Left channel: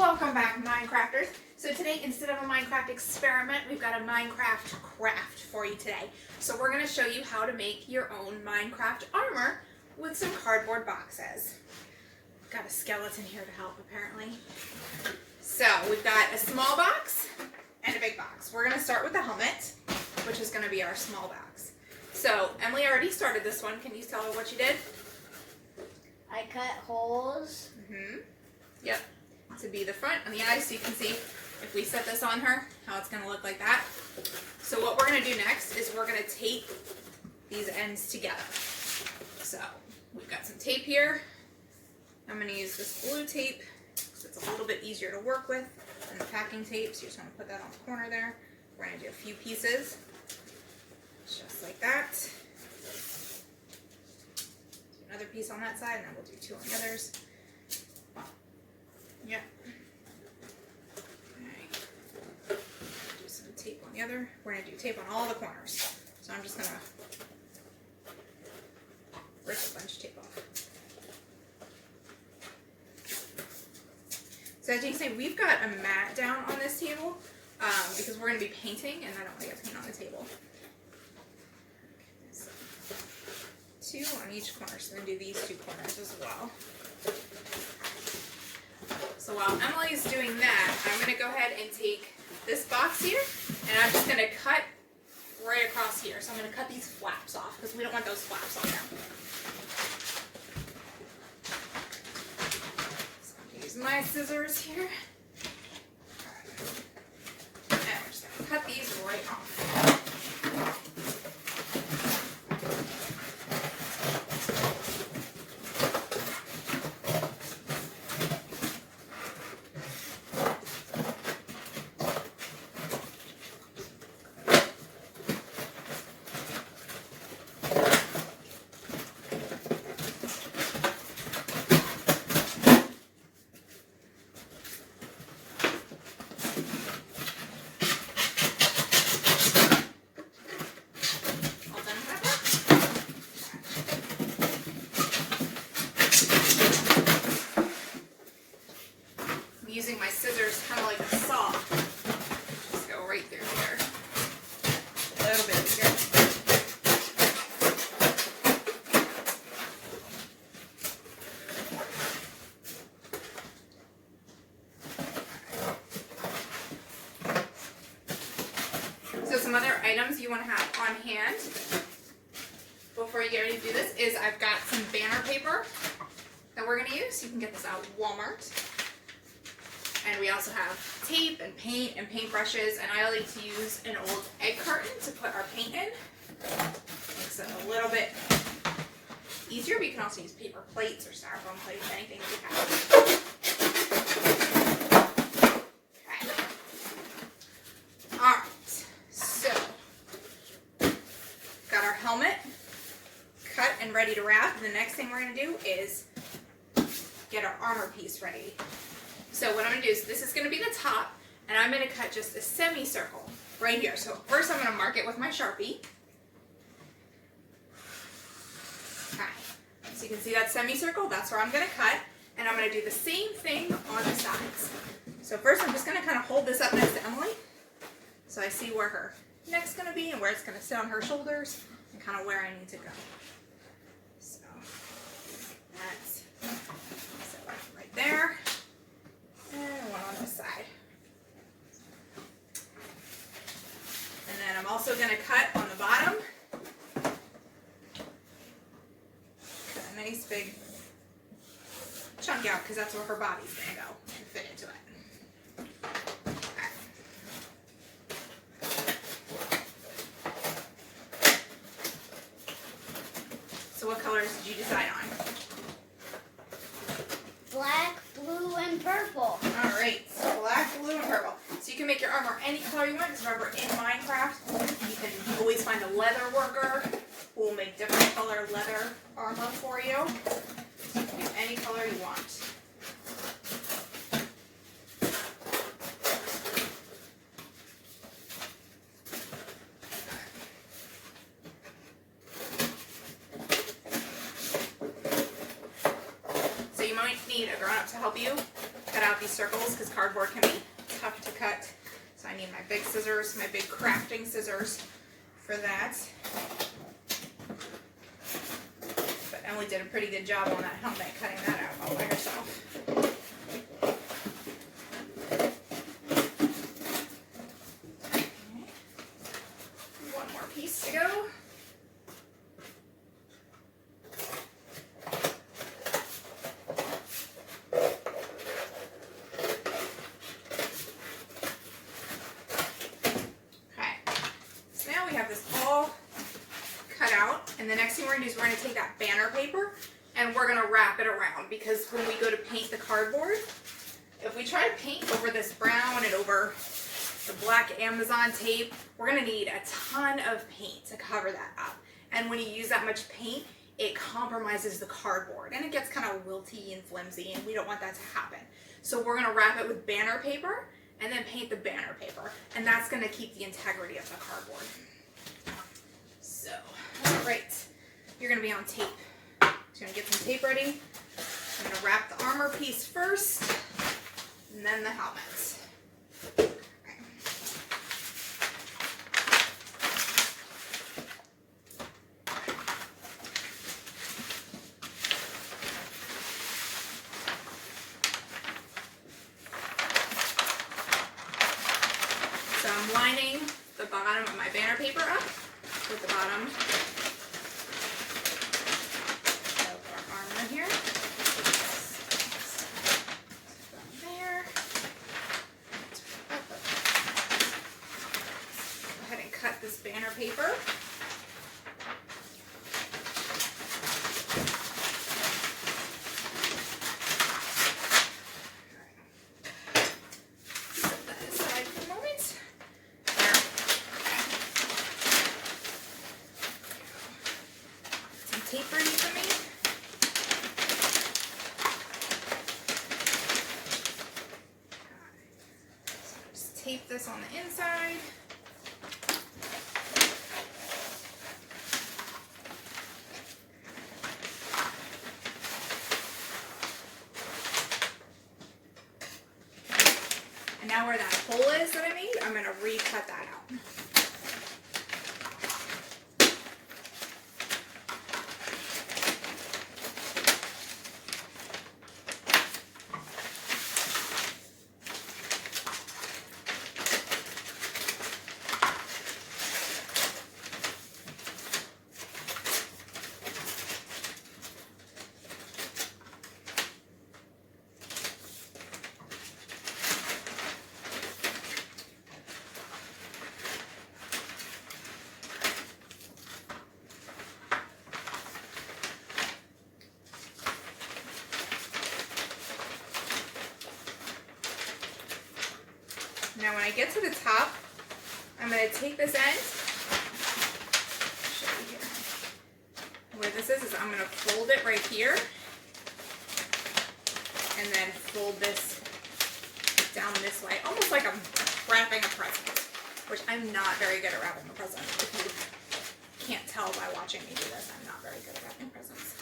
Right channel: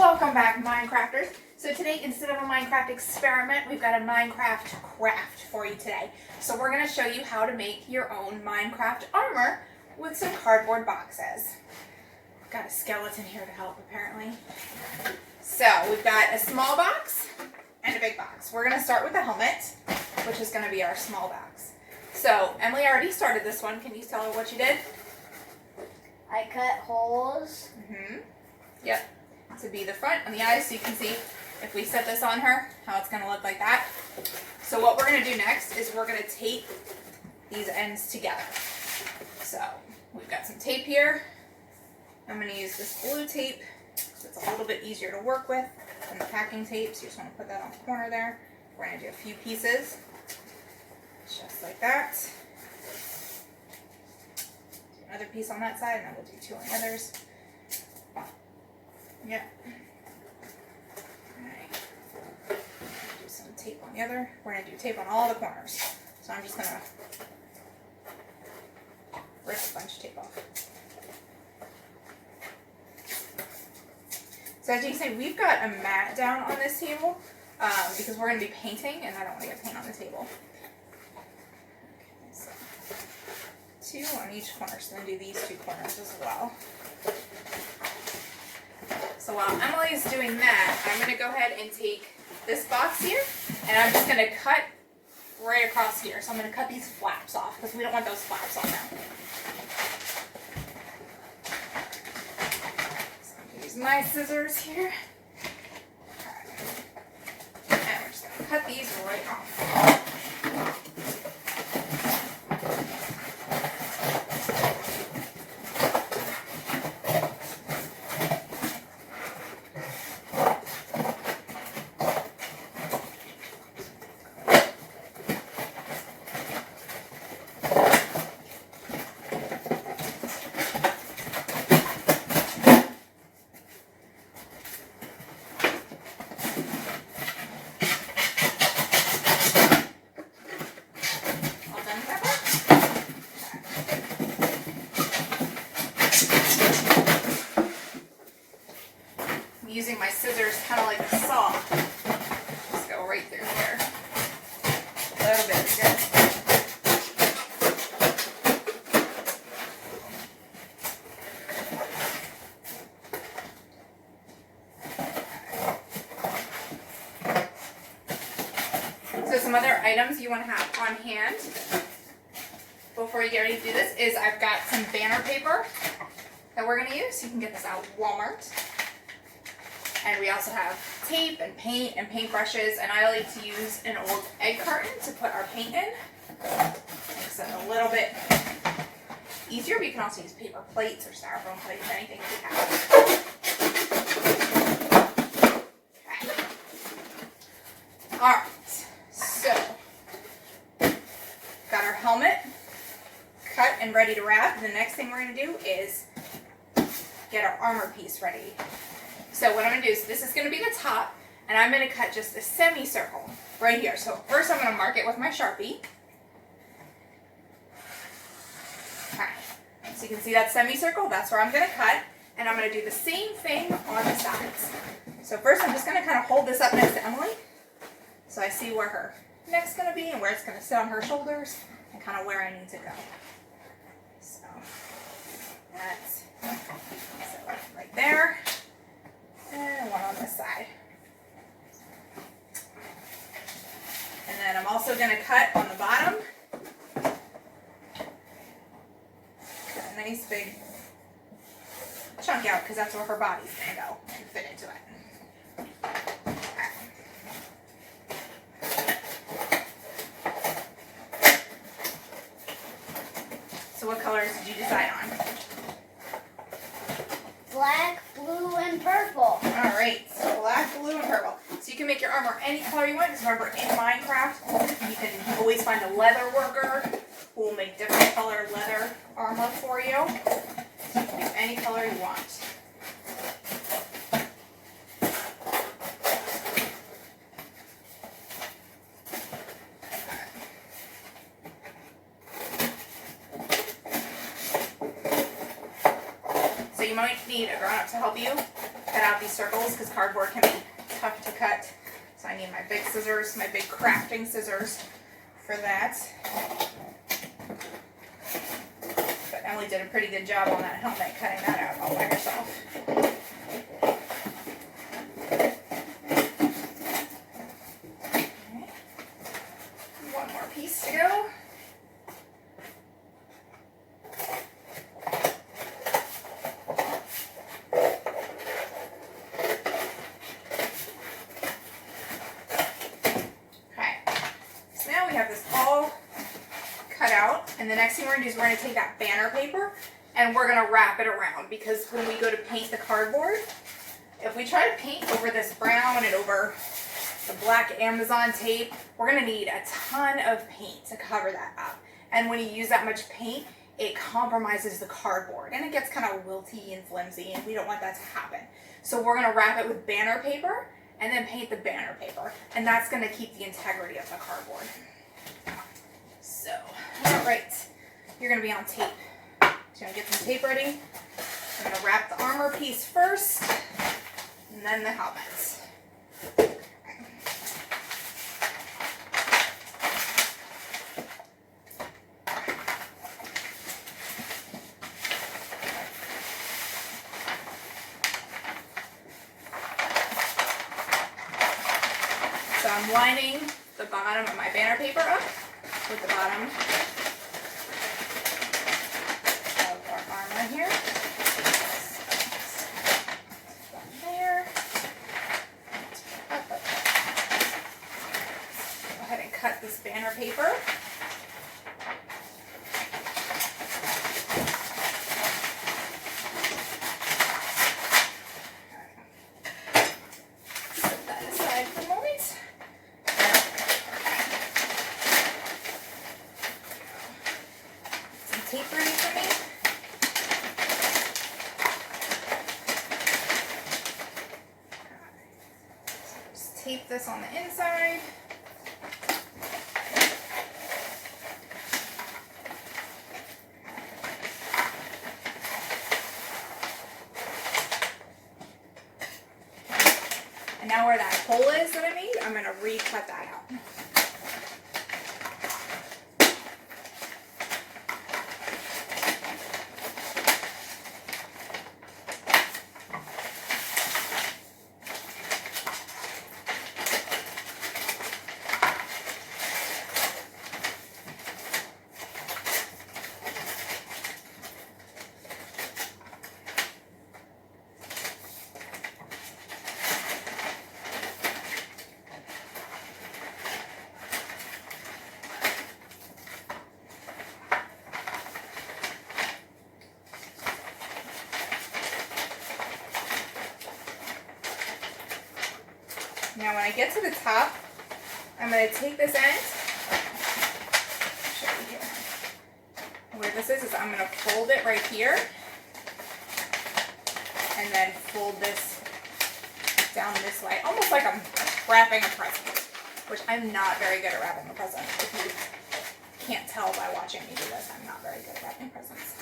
Welcome back, Minecrafters. So today, instead of a Minecraft experiment, we've got a Minecraft craft for you today. So we're going to show you how to make your own Minecraft armor with some cardboard boxes. Got a skeleton here to help, apparently. So we've got a small box and a big box. We're going to start with the helmet, which is going to be our small box. So Emily already started this one. Can you tell her what you did? I cut holes. Yep. To be the front and the eyes, so you can see if we set this on her, how it's going to look like that. So what we're going to do next is we're going to tape these ends together. So we've got some tape here. I'm going to use this blue tape, so it's a little bit easier to work with than the packing tape. So you just want to put that on the corner there. We're going to do a few pieces, just like that. Do another piece on that side, and then we'll do two on the others. Yep. Alright. Do some tape on the other. We're going to do tape on all the corners. So I'm just going to rip a bunch of tape off. So as you can see, we've got a mat down on this table because we're going to be painting, and I don't want to get paint on the table. Okay, so 2 on each corner. So then do these 2 corners as well. So while Emily's doing that, I'm going to go ahead and take this box here, and I'm just going to cut right across here. So I'm going to cut these flaps off, because we don't want those flaps on now. So I'm going to use my scissors here. And I'm just going to cut these right off. Using my scissors kind of like a saw. Just go right through here. A little bit here. So some other items you want to have on hand before you get ready to do this is I've got some banner paper that we're going to use. You can get this out of Walmart. And we also have tape and paint and paintbrushes, and I like to use an old egg carton to put our paint in. Makes it a little bit easier, but you can also use paper plates or styrofoam plates, anything that you have. Okay. Alright, so got our helmet cut and ready to wrap. The next thing we're going to do is get our armor piece ready. So what I'm going to do is, this is going to be the top, and I'm going to cut just a semicircle right here. So first I'm going to mark it with my Sharpie. Okay. So you can see that semicircle, that's where I'm going to cut, and I'm going to do the same thing on the sides. So first I'm just going to kind of hold this up next to Emily, so I see where her neck's going to be and where it's going to sit on her shoulders, and kind of where I need to go. So that's right there. And one on this side. And then I'm also going to cut on the bottom a nice big chunk out, because that's where her body's going to go and fit into it. Okay. So what colors did you decide on? Black, blue, and purple. Alright, so black, blue, and purple. So you can make your armor any color you want, because remember, in Minecraft, you can always find a leather worker who will make different color leather armor for you. So you can do any color you want. So you might need a grown-up to help you cut out these circles because cardboard can be tough to cut. So I need my big scissors, my big crafting scissors for that. But Emily did a pretty good job on that helmet, cutting that out all by herself. Okay. One more piece to go. And the next thing we're going to do is we're going to take that banner paper and we're going to wrap it around, because when we go to paint the cardboard, if we try to paint over this brown and over the black Amazon tape, we're going to need a ton of paint to cover that up. And when you use that much paint, it compromises the cardboard and it gets kind of wilty and flimsy, and we don't want that to happen. So we're going to wrap it with banner paper and then paint the banner paper, and that's going to keep the integrity of the cardboard. So, all right, you're going to be on tape. So you're going to get some tape ready. I'm going to wrap the armor piece first, and then the helmet. So I'm lining the bottom of my banner paper up with the bottom of our armor here. Down there. Go ahead and cut this banner paper. Set that aside for a moment. Tape ready for me. So just tape this on the inside. And now where that hole is that I made, I'm going to recut that out. Now when I get to the top, I'm going to take this end, show you here. Where this is I'm going to fold it right here, and then fold this down this way, almost like I'm wrapping a present, which I'm not very good at wrapping a present. If you can't tell by watching me do this, I'm not very good at wrapping presents.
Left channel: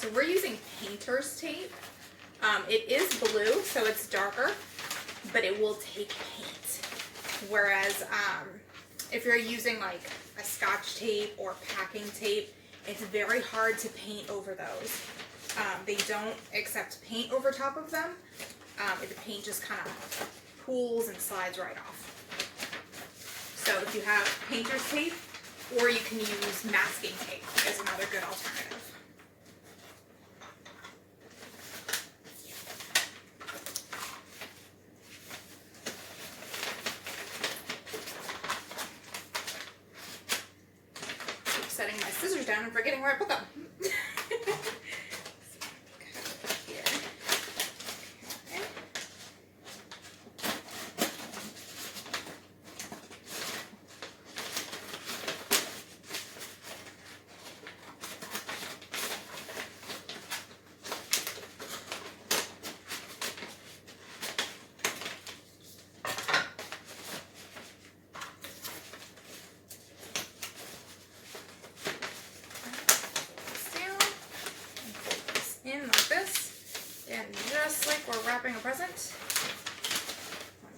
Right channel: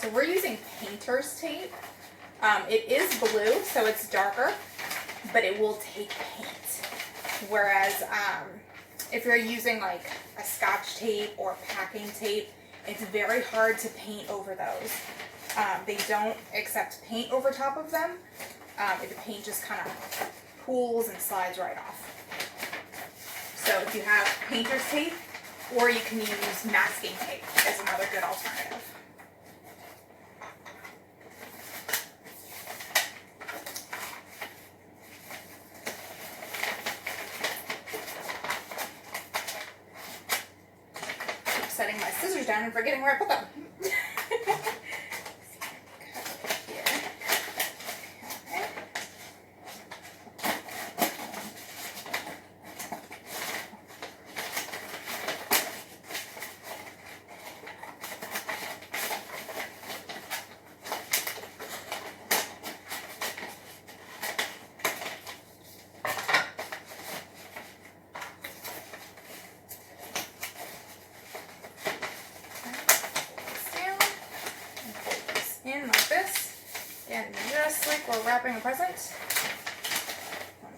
So we're using painter's tape. It is blue, so it's darker, but it will take paint. Whereas if you're using like a Scotch tape or packing tape, it's very hard to paint over those. They don't accept paint over top of them. The paint just kind of pools and slides right off. So if you have painter's tape, or you can use masking tape is another good alternative. Setting my scissors down and forgetting where I put them. just like we're wrapping a present.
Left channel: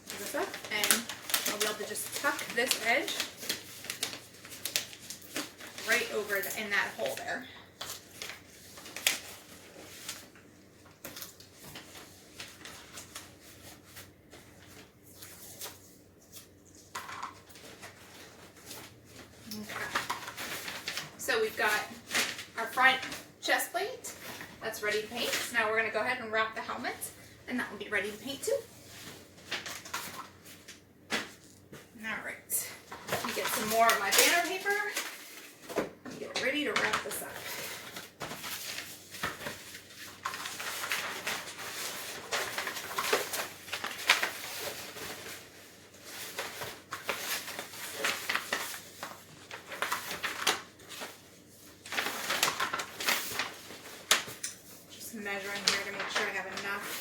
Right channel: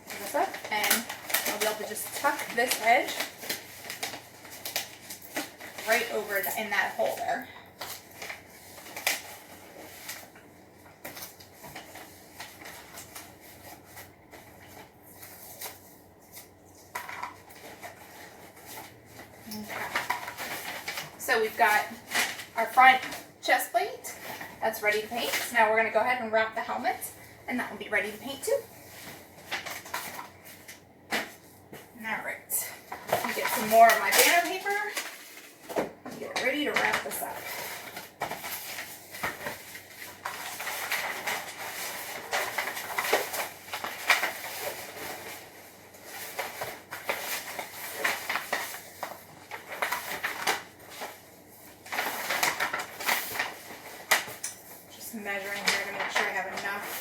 Pull this up, and we'll be able to just tuck this edge right over in that hole there. So we've got our front chest plate that's ready to paint. So now we're going to go ahead and wrap the helmet, and that will be ready to paint too. Alright, get some more of my banner paper and get ready to wrap this up. Measuring here to make sure I have enough.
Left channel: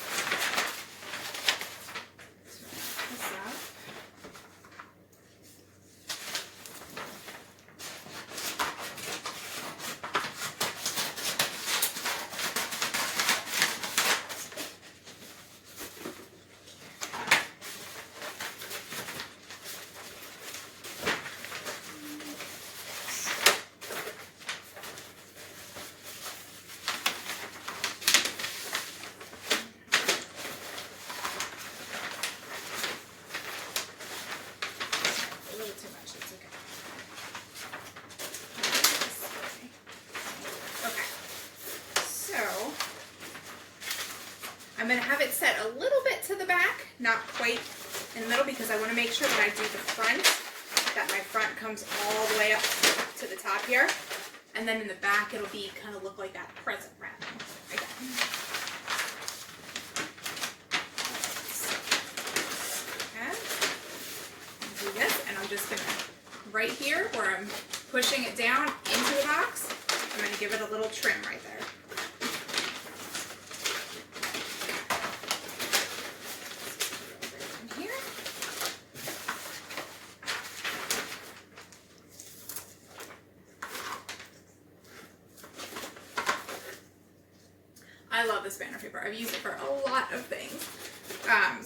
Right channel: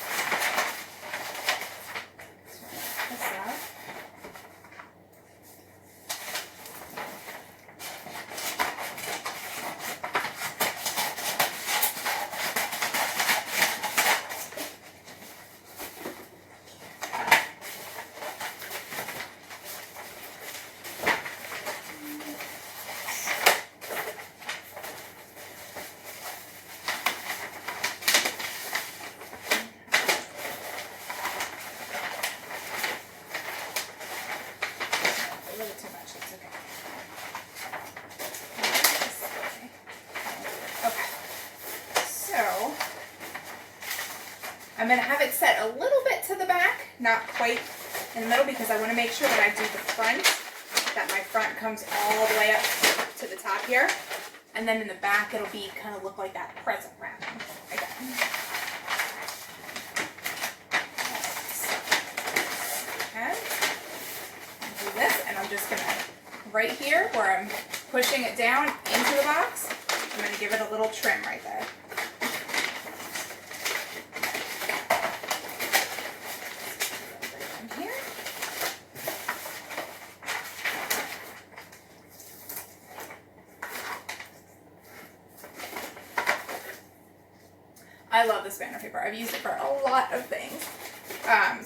I'm going to have it set a little bit to the back, not quite in the middle, because I want to make sure when I do the front, that my front comes all the way up to the top here. And then in the back, it'll be kind of look like that present wrapping again. Okay. Do this, and I'm just going to, right here where I'm pushing it down into the box, I'm going to give it a little trim right there. I love this banner paper. I've used it for a lot of things.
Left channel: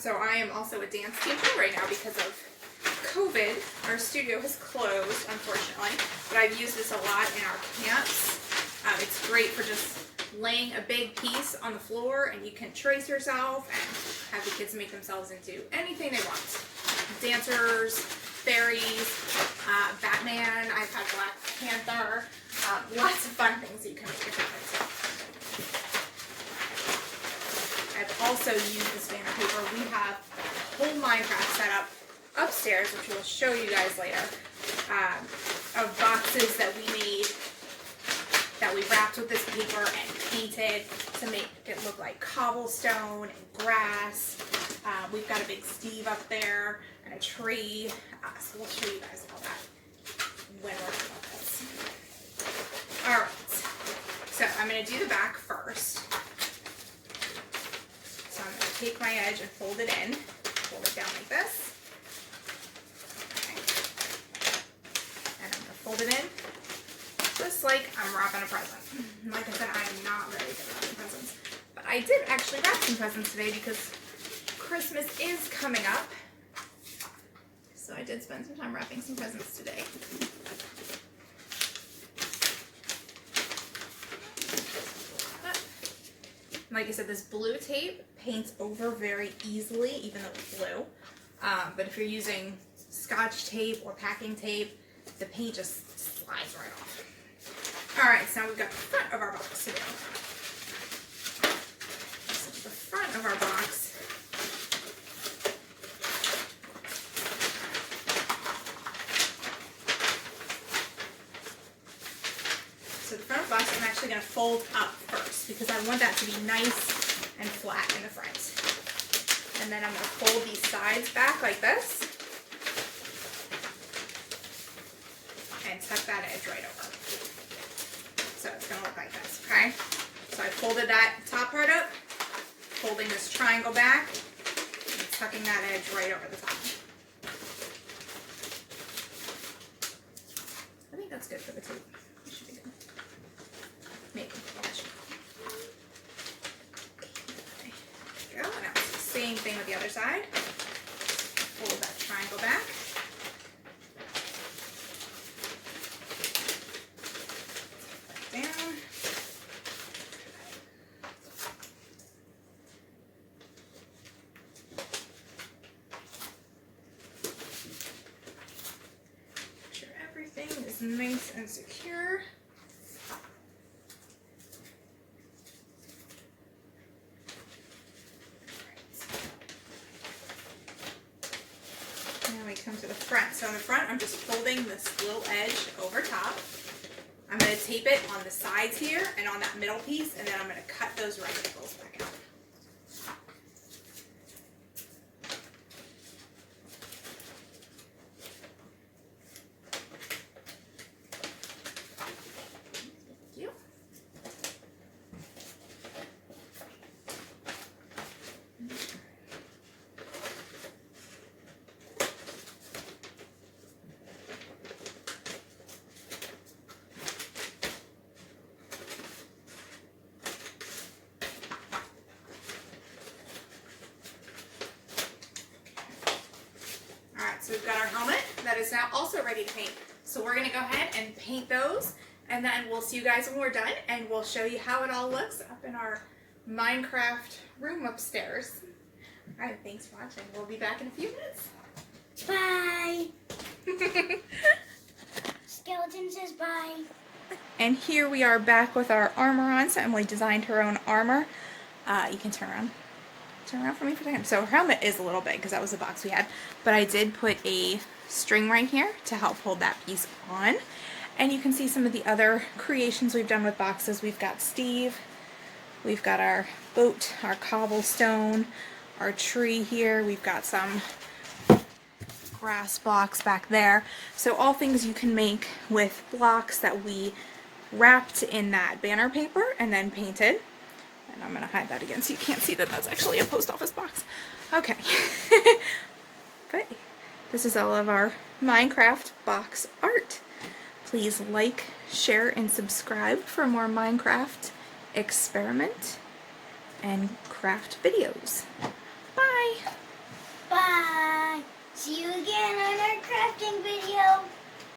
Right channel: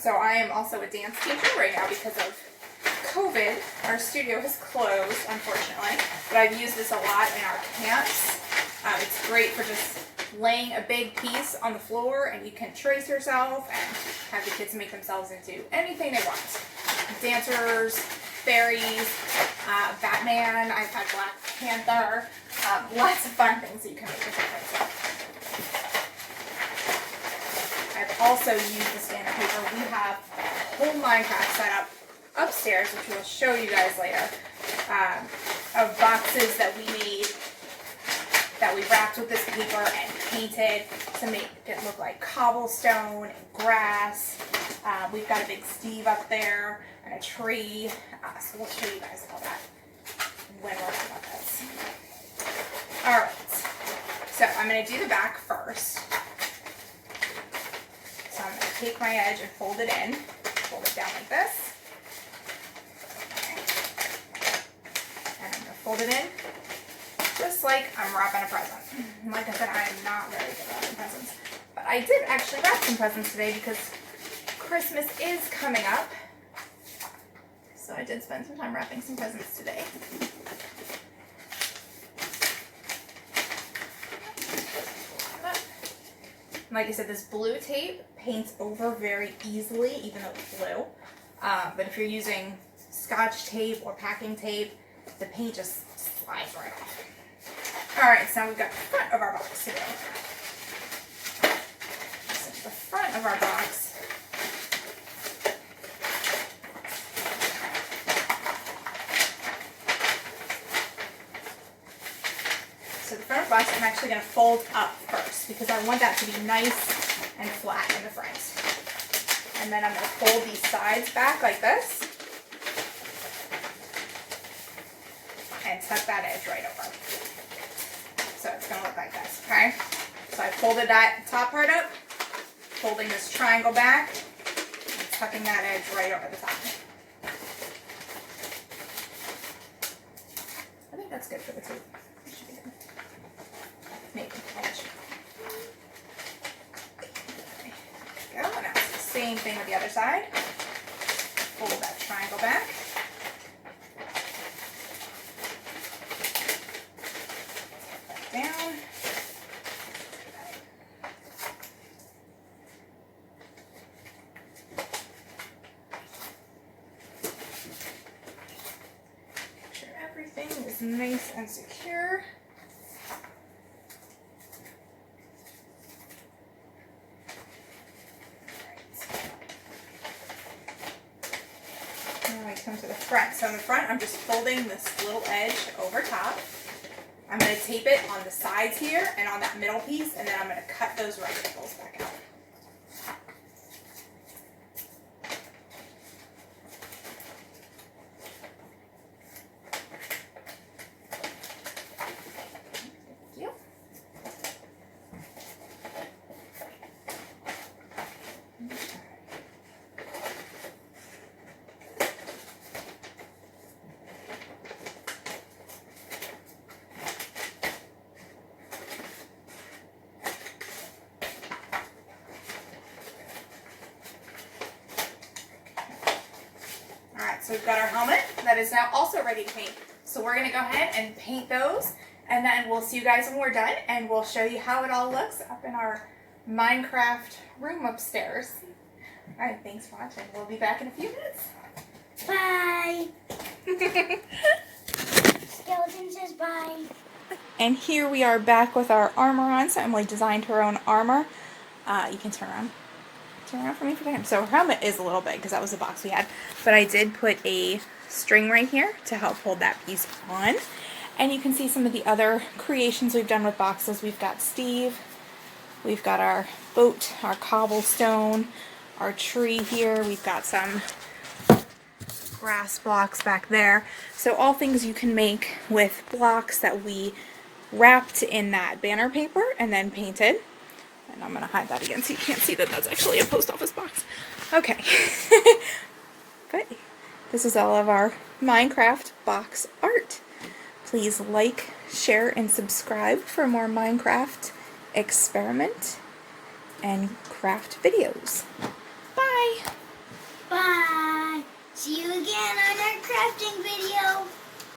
So I am also a dance teacher right now because of COVID. Our studio has closed, unfortunately, but I've used this a lot in our camps. It's great for just laying a big piece on the floor, and you can trace yourself and have the kids make themselves into anything they want. Dancers, fairies, Batman, I've had Black Panther, lots of fun things that you can make with your pencil. I've also used this banner paper. We have a whole Minecraft setup upstairs, which we'll show you guys later, of boxes that we made, that we wrapped with this paper and painted to make it look like cobblestone and grass. We've got a big Steve up there and a tree, so we'll show you guys all that when we're done with this. Alright, so I'm going to do the back first. So I'm going to take my edge and fold it in, fold it down like this, and I'm going to fold it in just like I'm wrapping a present. Like I said, I am not very good at wrapping presents, but I did actually wrap some presents today because Christmas is coming up, so I did spend some time wrapping some presents today. Like I said, this blue tape paints over very easily, even though it's blue. But if you're using Scotch tape or packing tape, the paint just slides right off. Alright, so now we've got the front of our box today. So the front of our box, so the front of the box I'm actually going to fold up first because I want that to be nice and flat in the front. And then I'm going to fold these sides back like this and tuck that edge right over. So it's going to look like this, okay? So I folded that top part up, folding this triangle back, and tucking that edge right over the top. I think that's good for the tape. It should be good. Maybe. Okay. Same thing with the other side. Fold that triangle back. Down. Make sure everything is nice and secure. Now we come to the front. So in the front, I'm just folding this little edge over top. I'm going to tape it on the sides here and on that middle piece, and then I'm going to cut those right angles back out. Thank you. Alright, so we've got our helmet that is now also ready to paint. So we're going to go ahead and paint those, and then we'll see you guys when we're done, and we'll show you how it all looks up in our Minecraft room upstairs. Alright, thanks for watching. We'll be back in a few minutes. Bye. Skeleton says bye. And here we are back with our armor on. So Emily designed her own armor. You can turn around. Turn around for me for a second. So her helmet is a little big because that was the box we had. But I did put a string right here to help hold that piece on. And you can see some of the other creations we've done with boxes. We've got Steve. We've got our boat, our cobblestone, our tree here. We've got some grass blocks back there. So all things you can make with blocks that we wrapped in that banner paper and then painted. And I'm going to hide that again so you can't see that that's actually a post office box. Okay. But this is all of our Minecraft box art. Please like, share, and subscribe for more Minecraft experiment and craft videos. Bye! Bye. See you again on our crafting video.